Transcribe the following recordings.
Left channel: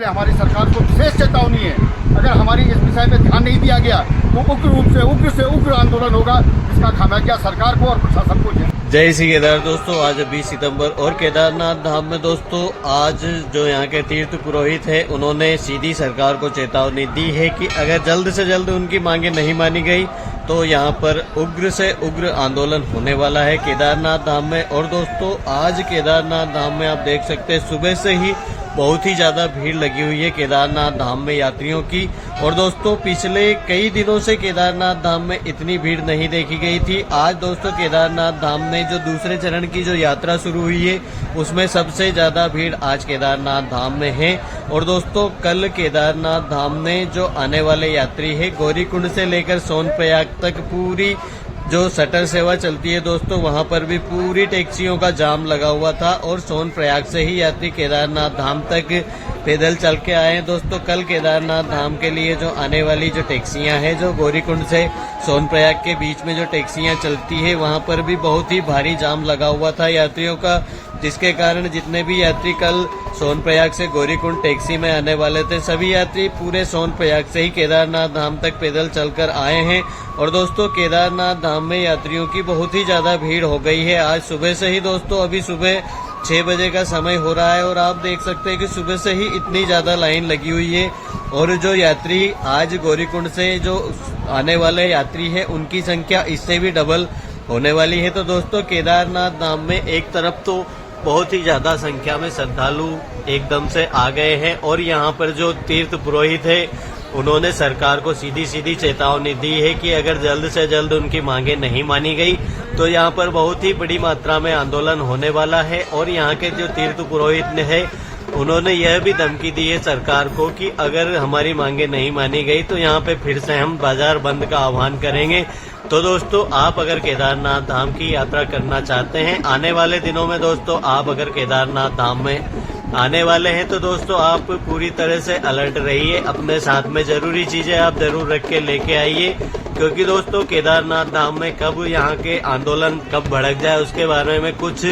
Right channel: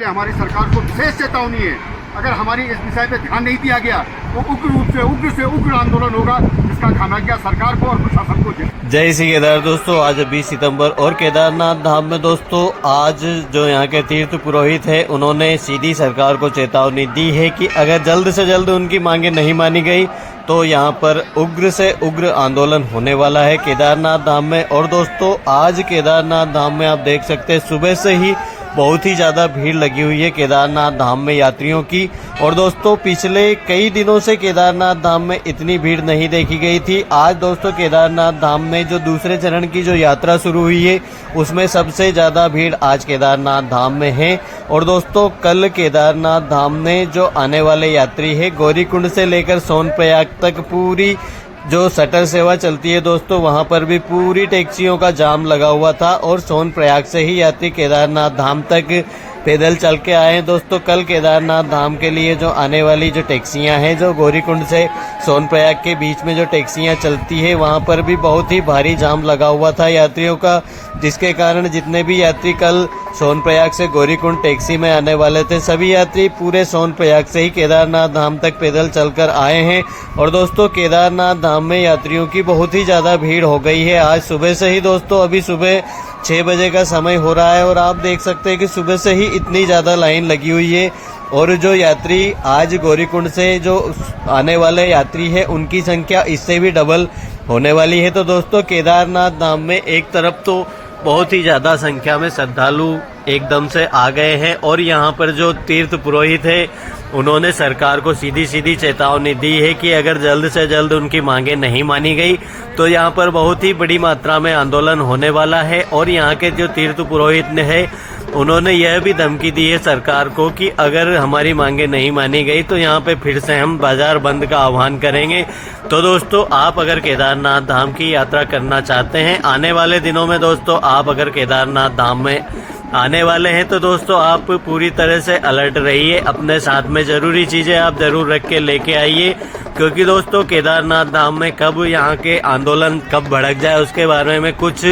इसलिए हमारी सरकार को विशेष चेतावनी है, अगर हमारी इस विषय पर ध्यान नहीं दिया गया तो उग्र रूप से उग्र आंदोलन होगा, इसका खामियाजा सरकार को और प्रशासन को। जय श्री केदार दोस्तों, आज 20 सितंबर और केदारनाथ धाम में दोस्तों आज जो यहाँ के तीर्थ पुरोहित है उन्होंने सीधी सरकार को चेतावनी दी है कि अगर जल्द से जल्द उनकी मांगे नहीं मानी गई तो यहाँ पर उग्र से उग्र आंदोलन होने वाला है केदारनाथ धाम में। और दोस्तों आज केदारनाथ धाम में आप देख सकते हैं सुबह से ही बहुत ही ज्यादा भीड़ लगी हुई है केदारनाथ धाम में यात्रियों की। और दोस्तों पिछले कई दिनों से केदारनाथ धाम में इतनी भीड़ नहीं देखी गई थी। आज दोस्तों केदारनाथ धाम में जो दूसरे चरण की जो यात्रा शुरू हुई है उसमें सबसे ज्यादा भीड़ आज केदारनाथ धाम में है। और दोस्तों कल केदारनाथ धाम में जो आने वाले यात्री है गौरीकुंड से लेकर सोनप्रयाग तक पूरी जो शटल सेवा चलती है दोस्तों वहां पर भी पूरी टैक्सियों का जाम लगा हुआ था और सोनप्रयाग से ही यात्री केदारनाथ धाम तक पैदल चल के आए हैं। दोस्तों कल केदारनाथ धाम के लिए जो आने वाली जो टैक्सियां हैं जो गौरीकुंड से सोनप्रयाग के बीच में जो टैक्सियां चलती है वहां पर भी बहुत ही भारी जाम लगा हुआ था यात्रियों का, जिसके कारण जितने भी यात्री कल सोनप्रयाग से गौरीकुंड टैक्सी में आने वाले थे सभी यात्री पूरे सोनप्रयाग से ही केदारनाथ धाम तक पैदल चलकर आए हैं। और दोस्तों केदारनाथ धाम में यात्रियों की बहुत ही ज्यादा भीड़ हो गई है आज सुबह से ही। दोस्तों अभी सुबह 6 बजे का समय हो रहा है और आप देख सकते हैं कि सुबह से ही इतनी ज्यादा लाइन लगी हुई है। और जो यात्री आज गौरीकुंड से जो आने वाले यात्री है उनकी संख्या इससे भी डबल होने वाली है। तो दोस्तों केदारनाथ धाम में एक तरफ तो बहुत ही ज्यादा संख्या में श्रद्धालु एकदम से आ गए हैं और यहाँ पर जो तीर्थ पुरोहित है उन्होंने सरकार को सीधी चेतावनी दी है कि अगर जल्द से जल्द उनकी मांगे नहीं मानी गई तो यहाँ पर बहुत ही बड़ी मात्रा में आंदोलन होने वाला है। और यहाँ के जो तीर्थ पुरोहित ने है उन्होंने यह भी धमकी दी है सरकार को कि अगर हमारी मांगे नहीं मानी गई तो यहाँ पे फिर से हम बाजार बंद का आह्वान करेंगे। तो दोस्तों आप अगर केदारनाथ धाम की यात्रा करना चाहते हैं आने वाले दिनों में, दोस्तों आप अगर केदारनाथ धाम में आने वाले हैं तो दोस्तों आप पूरी तरह से अलर्ट रहिए, अपने साथ में जरूरी चीजें आप जरूर रख के लेके आइए, क्योंकि दोस्तों केदारनाथ धाम में कब यहाँ के आंदोलन कब भड़क जाए उसके बारे में कुछ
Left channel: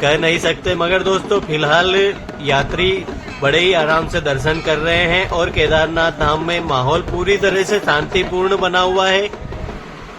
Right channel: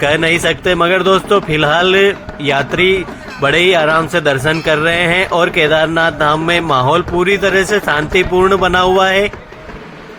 कह नहीं सकते। मगर दोस्तों फिलहाल यात्री बड़े ही आराम से दर्शन कर रहे हैं और केदारनाथ धाम में माहौल पूरी तरह से शांतिपूर्ण बना हुआ है।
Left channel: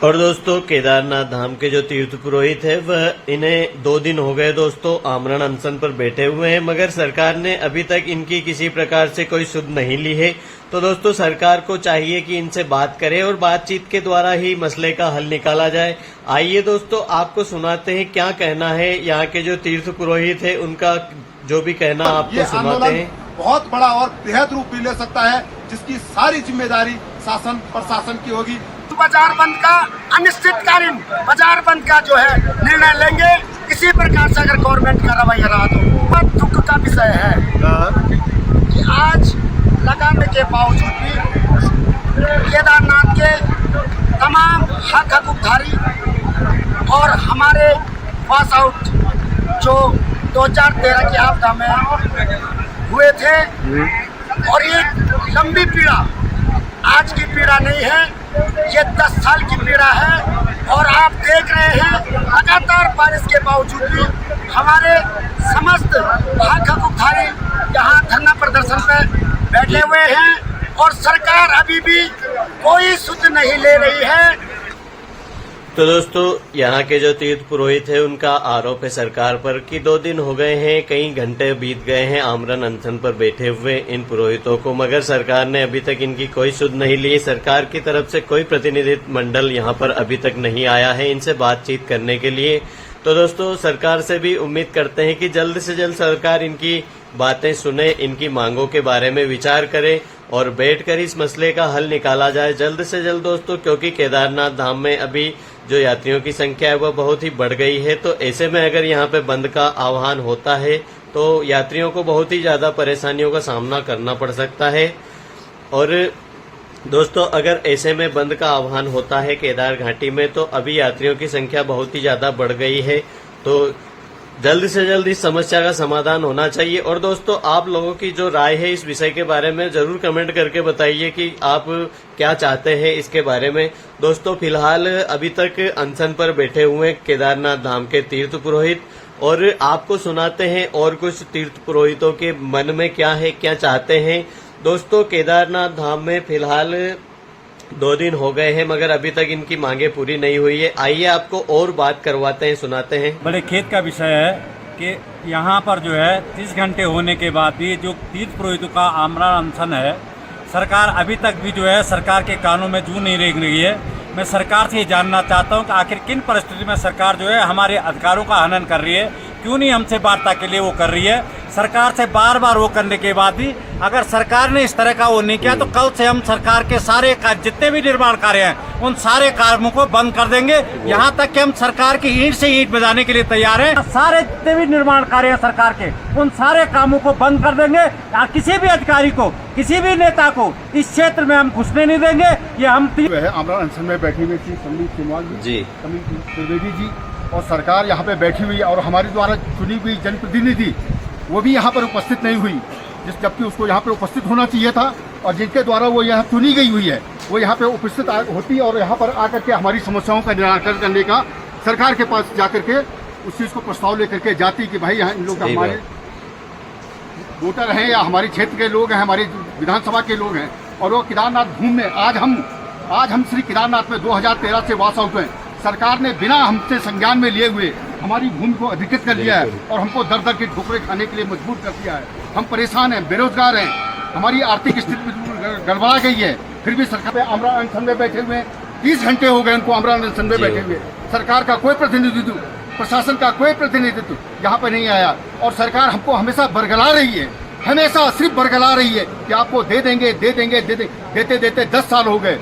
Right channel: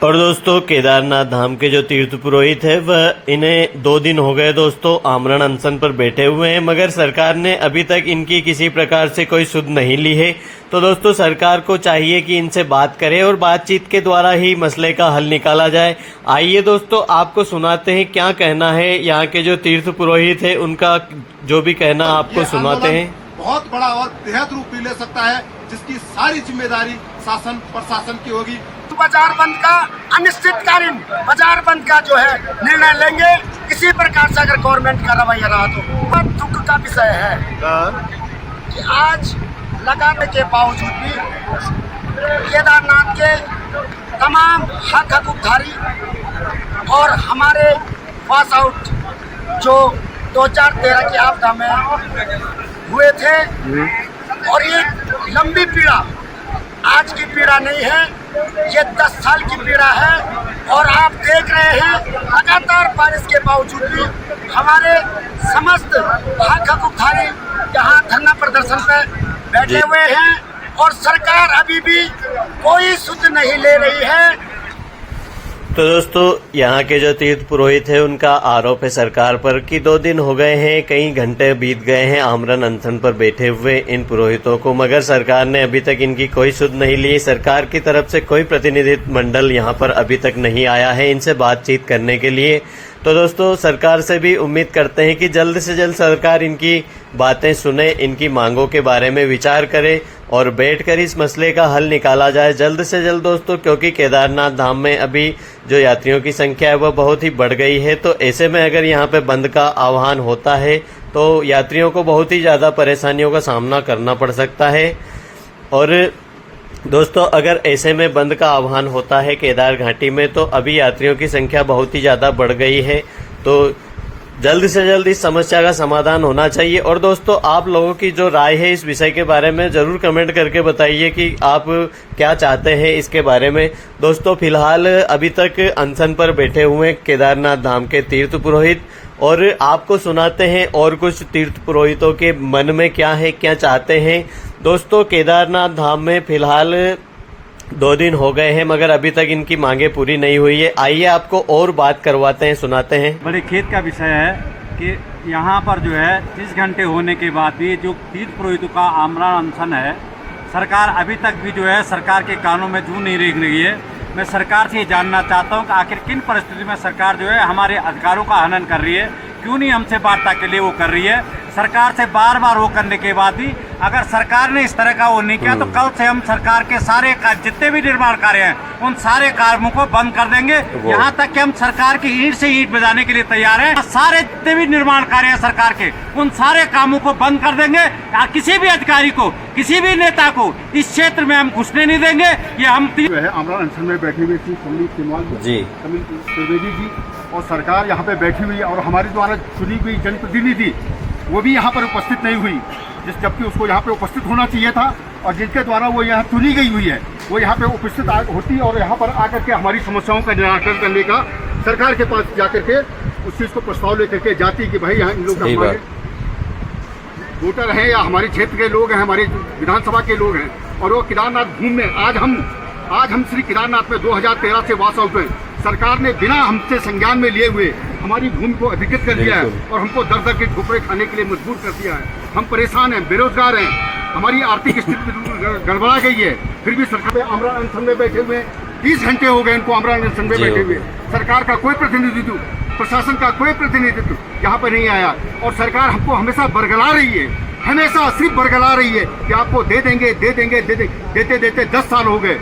और दोस्तों केदारनाथ धाम के जो तीर्थ पुरोहित है वह इन्हें 2 दिन हो गए दोस्तों आमरण अनशन पर बैठे हुए हैं, मगर सरकार ने अभी तक इनकी किसी प्रकार से कोई सुध नहीं ली है। तो दोस्तों सरकार को चाहिए कि इनसे बात करे और बातचीत के द्वारा ही मसले का हल निकाला जाए। आइए दोस्तों आपको सुनाते हैं क्या कहना है यहाँ के जो तीर्थ पुरोहित है, उनका जो भी कहना आपको सुनाते हैं। बहुत बड़ा और बेहद रूप भी ले सकता है जिसकी सारी जिम्मेदारी शासन प्रशासन की होगी। बाजार बंद का अनिश्चितकालीन बाजार बंद का जो है निर्णय लेंगे। किसी प्रकार से अगर गवर्नमेंट का रवैया रहा तो बहुत दुख का विषय है कि आज लगाने के बावजूद भी केदारनाथ के तमाम हक हकूकधारी और हमारे पास आउट जो 2013 की आपदा में हुए थे और ये लंबी पीड़ा आज की पीड़ा नहीं है, ये 10 साल की पीड़ा है। और आप देख रहे हैं लगातार बारिश के बावजूद भी हमारे समस्त हक हकूकधारी यहाँ धरना प्रदर्शन पे बैठे हुए हैं और सरकार अभी भी कोई सुध नहीं ले रही है। तो दोस्तों यहाँ के जो तीर्थ पुरोहित है उनका आरोप है सरकार पर कि 2 दिन हो गए हैं, कई घंटे बीत गए हैं आमरण अनशन पर बैठे हुए इन पुरोहितों को, मगर सरकार ने अभी तक इनकी कोई सुध नहीं ली। सरकार की तरफ से कोई प्रतिनिधित्व मंडल यहाँ पर अभी तक नहीं आया है इनसे बातचीत करने के लिए। तो दोस्तों सरकार से भी उम्मीद करते हैं कि जल्द से जल्द सरकार इनकी बातें सुने, इनकी मांगों के बारे में विचार करे और बैठकर इस मसले का हल निकाला जाए जल्द से जल्द दोस्तों, क्योंकि केदारनाथ धाम में अभी जो यात्रियों की संख्या है वह बहुत ही बढ़ गई है। तो ऐसे में अगर यहाँ पे बंद का आह्वान होता है तो यात्रियों को बहुत ही ज्यादा परेशानियों का सामना करना पड़ सकता है। और दोस्तों अगर ऐसे में बंद का आह्वान होता है केदार घाटी में तो अभी यात्रियों की संख्या बहुत ही ज्यादा बढ़ गई है, तो जल्द से जल्द इस समस्या का समाधान होना चाहिए। और दोस्तों आप लोगों की जो राय है इस विषय के बारे में जरूर कमेंट करके बताइए कि आप क्या चाहते हैं इसके बारे में। दोस्तों फिलहाल अभी तक अनशन पर बैठे हुए केदारनाथ धाम के तीर्थ पुरोहित और आपको सुनाते हैं और कुछ तीर्थ पुरोहितों के मन में क्या है, क्या चाहते हैं। दोस्तों, केदारनाथ धाम में फिलहाल 2 दिन हो गए हैं मगर अभी तक इनकी मांगे पूरी नहीं हुई है। आइए आपको और बात करवाते हैं, सुनाते हैं। बड़े खेत का विषय है कि यहाँ पर जो है 30 घंटे होने के बाद भी जो तीर्थ पुरोहितों का आमरण अनशन है, सरकार अभी तक भी जो है सरकार के कानों में जू नहीं रेंग रही है। मैं सरकार से ये जानना चाहता हूँ कि आखिर किन परिस्थिति में सरकार जो है हमारे अधिकारों का हनन कर रही है, क्यों नहीं हमसे वार्ता के लिए वो कर रही है। सरकार से बार बार वो करने के बाद भी अगर सरकार ने इस तरह का वो नहीं किया तो कल से हम सरकार के सारे जितने भी निर्माण कार्य हैं उन सारे कार्यों को बंद कर देंगे। यहाँ तक कि हम सरकार की ईंट से ईंट बजाने के लिए तैयार हैं। सारे जितने भी निर्माण कार्य हैं सरकार के, उन सारे कामों को बंद कर देंगे। किसी भी अधिकारी को, किसी भी नेता को इस क्षेत्र में हम घुसने नहीं देंगे। ये हम आमरण अनशन में बैठे हुए श्री संदीप कुमार जी, अनिल त्रिवेदी जी और सरकार यहाँ पे बैठी हुई और हमारे द्वारा चुनी गई जनप्रतिनिधि वो भी यहाँ पर उपस्थित नहीं हुई, जबकि उसको यहाँ पे उपस्थित होना चाहिए था। और जिनके द्वारा वो यहाँ चुनी गई हुई है वो यहाँ पे उपस्थित होती और यहाँ पर आकर के हमारी समस्याओं का निराकरण करने का सरकार के पास जाकर के उस चीज़ को प्रस्ताव लेकर के जाती कि भाई यहाँ इन लोग हमारे वोटर हैं या हमारे क्षेत्र के लोग हैं, हमारे विधानसभा के लोग हैं और वो केदारनाथ भूमि में आज हम श्री केदारनाथ में 2013 से वास आउट हैं। सरकार ने बिना हमसे संज्ञान में लिए हुए हमारी भूमि को अधिकृत कर दिया है और हमको दर दर के ठोकरें खाने के लिए मजबूर कर दिया है। हम परेशान हैं, बेरोजगार हैं, हमारी आर्थिक स्थिति गड़बड़ा गई है। फिर भी सरकार पे आमरण अनशन में बैठे हुए 30 घंटे हो गए इनको आमरण अनशन में बैठे हुए। सरकार का कोई प्रतिनिधित्व, प्रशासन का कोई प्रतिनिधित्व यहाँ पर नहीं आया और सरकार हमको हमेशा बरगला रही है, हमेशा सिर्फ बरगला रही है कि आपको दे देंगे देते देते 10 साल हो गए।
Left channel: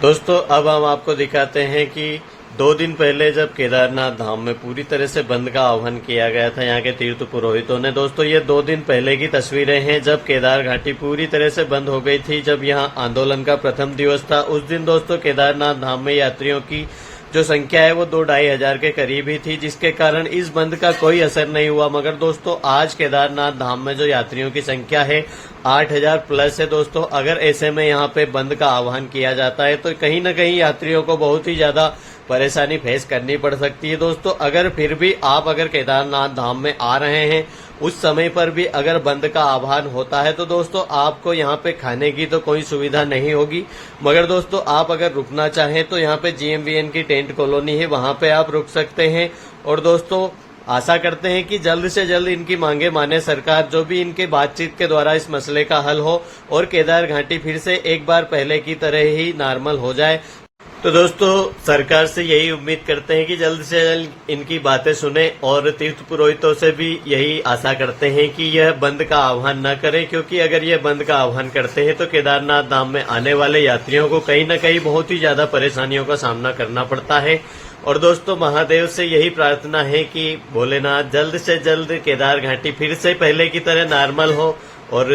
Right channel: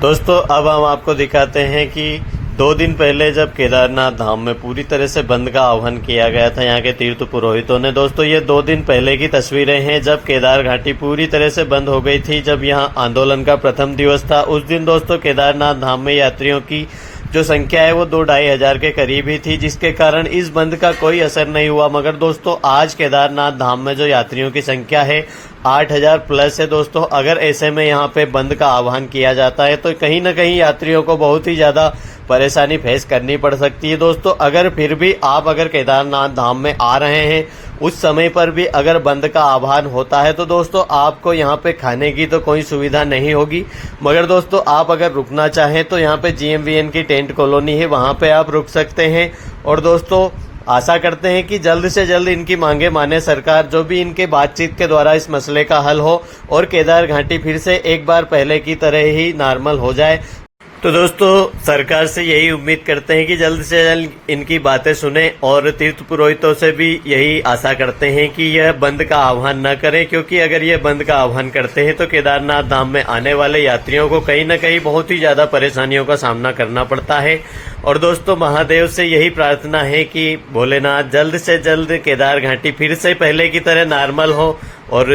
दोस्तों, अब हम आपको दिखाते हैं कि 2 दिन पहले जब केदारनाथ धाम में पूरी तरह से बंद का आह्वान किया गया था यहाँ के तीर्थ पुरोहितों ने। दोस्तों, ये 2 दिन पहले की तस्वीरें हैं जब केदार घाटी पूरी तरह से बंद हो गई थी। जब यहाँ आंदोलन का प्रथम दिवस था उस दिन दोस्तों केदारनाथ धाम में यात्रियों की जो संख्या है वो 2-2.5 हजार के करीब ही थी, जिसके कारण इस बंद का कोई असर नहीं हुआ। मगर दोस्तों, आज केदारनाथ धाम में जो यात्रियों की संख्या है 8,000 प्लस है। दोस्तों, अगर ऐसे में यहाँ पे बंद का आह्वान किया जाता है तो कहीं न कहीं यात्रियों को बहुत ही ज्यादा परेशानी फेस करनी पड़ सकती है। दोस्तों, अगर फिर भी आप अगर केदारनाथ धाम में आ रहे हैं उस समय पर भी अगर बंद का आह्वान होता है तो दोस्तों आपको यहाँ पे खाने की तो कोई सुविधा नहीं होगी। मगर दोस्तों, आप अगर रुकना चाहें तो यहाँ पे GMVN की टेंट कॉलोनी है, वहां पे आप रुक सकते हैं। और दोस्तों, आशा करते हैं कि जल्द से जल्द इनकी मांगे माने सरकार, जो भी इनके बातचीत के द्वारा इस मसले का हल हो और केदार घाटी फिर से एक बार पहले की तरह ही नॉर्मल हो जाए। तो दोस्तों, सरकार से यही उम्मीद करते हैं कि जल्द से जल्द इनकी बातें सुने और तीर्थ पुरोहितों से भी यही आशा करते हैं कि यह बंद का आह्वान न करें, क्योंकि अगर यह बंद का आह्वान करते हैं तो केदारनाथ धाम में आने वाले यात्रियों को कहीं न कहीं बहुत ही ज्यादा परेशानियों का सामना करना पड़ता है। और दोस्तों, महादेव से यही प्रार्थना है कि भोलेनाथ जल्द से जल्द केदार घाटी फिर से पहले की तरह नॉर्मल हो और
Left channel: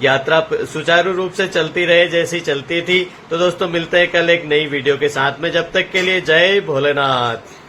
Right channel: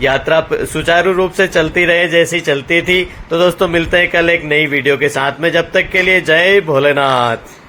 यात्रा सुचारू रूप से चलती रहे जैसी चलती थी। तो दोस्तों, मिलते हैं कल एक नई वीडियो के साथ में। जब तक के लिए जय भोलेनाथ।